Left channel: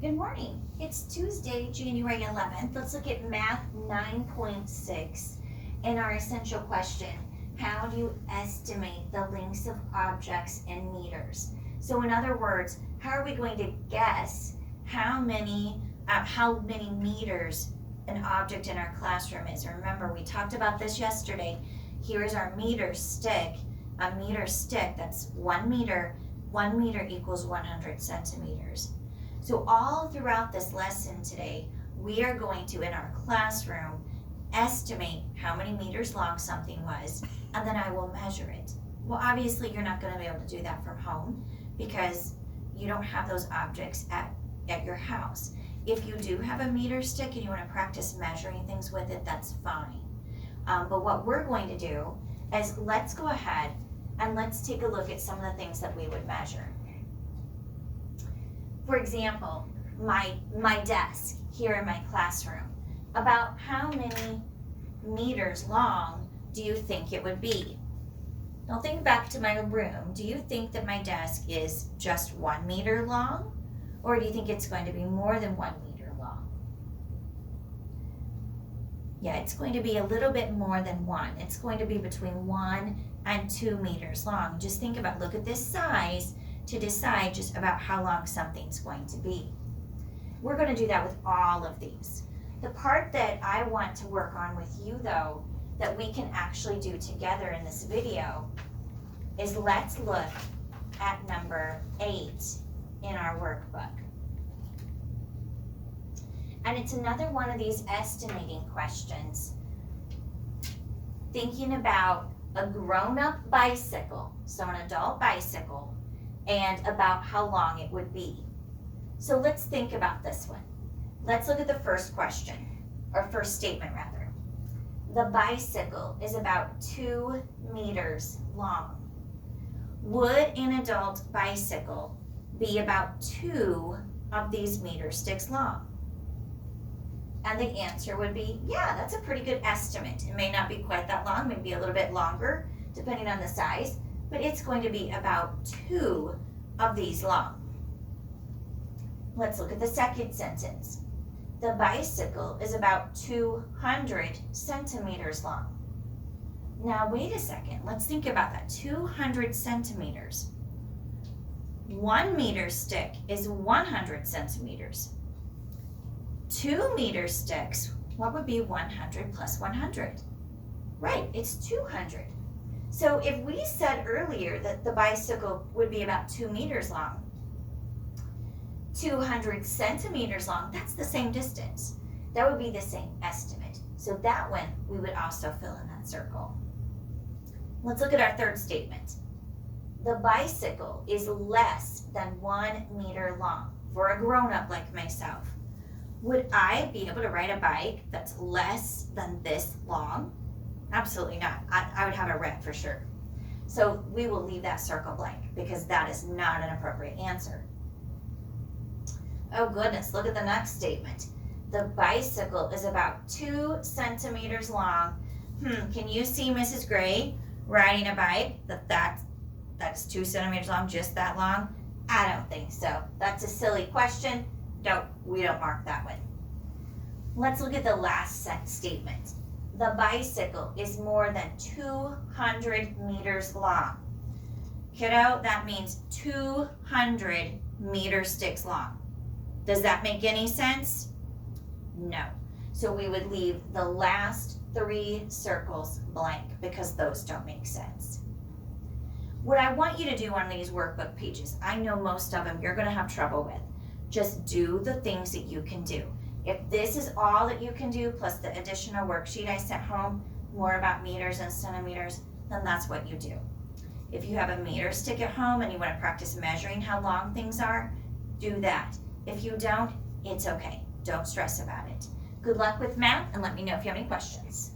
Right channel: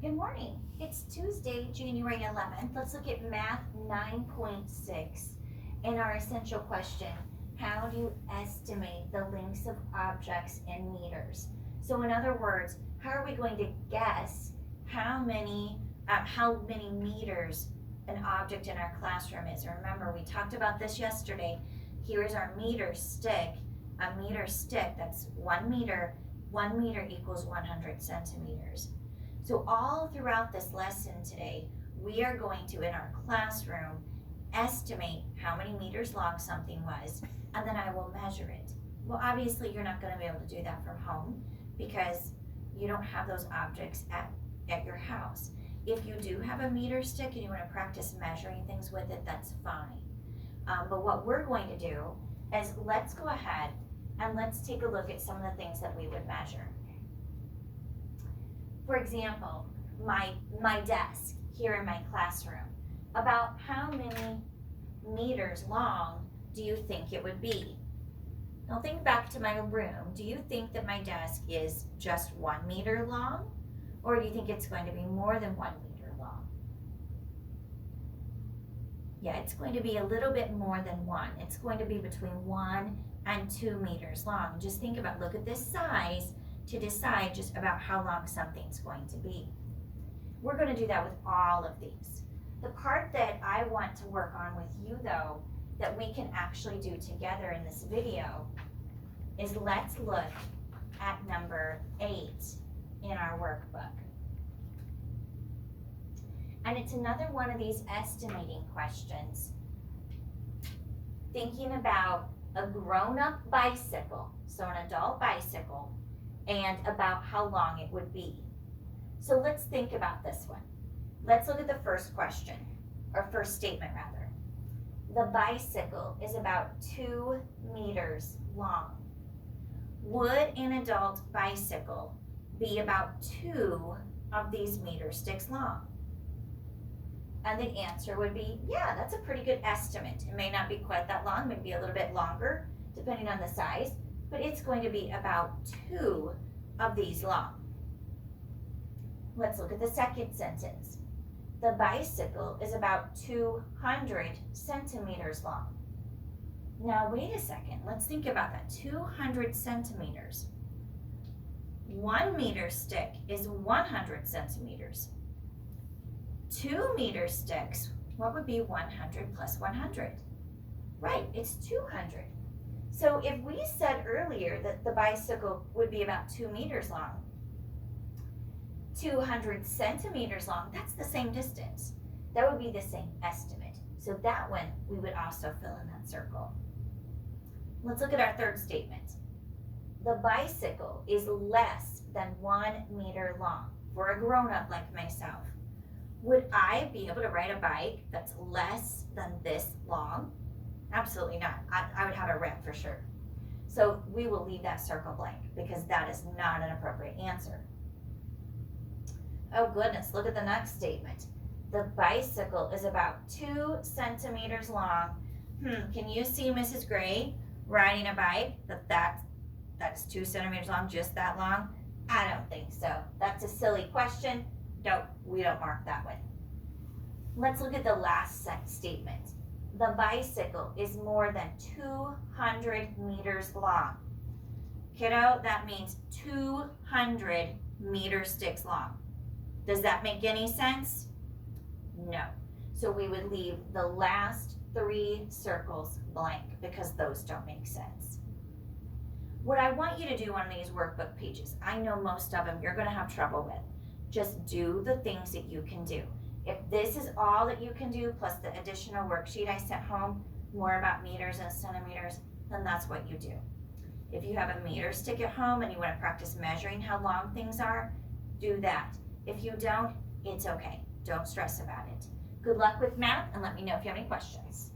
Good morning. It's Tuesday, January 11th. Let's look at Math 9.6 and our essential question. How do you estimate the lengths of objects in meters? So in other words, how are we going to guess how many meters an object in our classroom is? Remember, we talked about this yesterday. Here is our meter stick. A meter stick, that's 1 meter. 1 meter equals 100 centimeters. So all throughout this lesson today, we are going to, in our classroom, estimate how many meters long something was, and then I will measure it. Well, obviously you're not going to be able to do that from home because you don't have those objects at your house. If you do have a meter stick and you want to practice measuring things with it, that's fine. But what we're going to do is let's go ahead and let's take a look at some of the things that we would measure. For example, my desk here in my classroom, about how many meters long do you think it would be? Now think back to my room. Do you think that my desk is just 1 meter long? Or do you think it's going to be more than 1 meter long? Yeah, it's going to be a little bit more than 1. It's going to be between 1 and 2 meters long. Just think about, look at this size to decide just about how long something's going to be. We're going to do that with all of these. The part that I want to work on with you though, that we can actually do together in this video, is let's look at number 8 in our workbook. And it's another one of these estimating questions. Thinking about a grown-up bicycle, so an adult bicycle, and about how long it would be. So let's think about this one. Let's look at the first question, or first statement rather. The bicycle is about 2 meters long. Would an adult bicycle be about 2 of these meter sticks long? And the answer would be, yeah, that's a pretty good estimate. It may not be quite that long, maybe a little bit longer, depending on the size, but it's going to be about 2 of these long. Let's look at the second sentence. The bicycle is about 200 centimeters long. Now wait a second, let's think about that. 200 centimeters. 1 meter stick is 100 centimeters. 2 meter sticks, what would be 100 plus 100? Right, it's 200. So if we said earlier that the bicycle would be about 2 meters long, 200 centimeters long, that's the same distance. That would be the same estimate. So that one, we would also fill in that circle. Let's look at our third statement. The bicycle is less than 1 meter long for a grown-up like myself. Would I be able to ride a bike that's less than this long? Absolutely not. I would have a red for sure. So we will leave that circle blank because that is not an appropriate answer. Oh goodness, look at the next statement. The bicycle is about 2 centimeters long. Can you see Mrs. Gray riding a bike that's 2 centimeters long, just that long? I don't think so. That's a silly question. We don't mark that one. Let's look at the last statement. The bicycle is more than 200 meters long. Kiddo, that means 200 meter sticks long. Does that make any sense? No. So we would leave the last 3 circles blank because those don't make sense. What I want you to do on these workbook pages, I know most of them you're going to have trouble with. Just do the things that you can do. If this is all that you can do, plus the additional worksheet I sent home, more about meters and centimeters, then that's what you do. If you have a meter stick at home and you want to practice measuring how long things are, do that. If you don't, it's okay. Don't stress about it. Good luck with math, and let me know if you have any questions.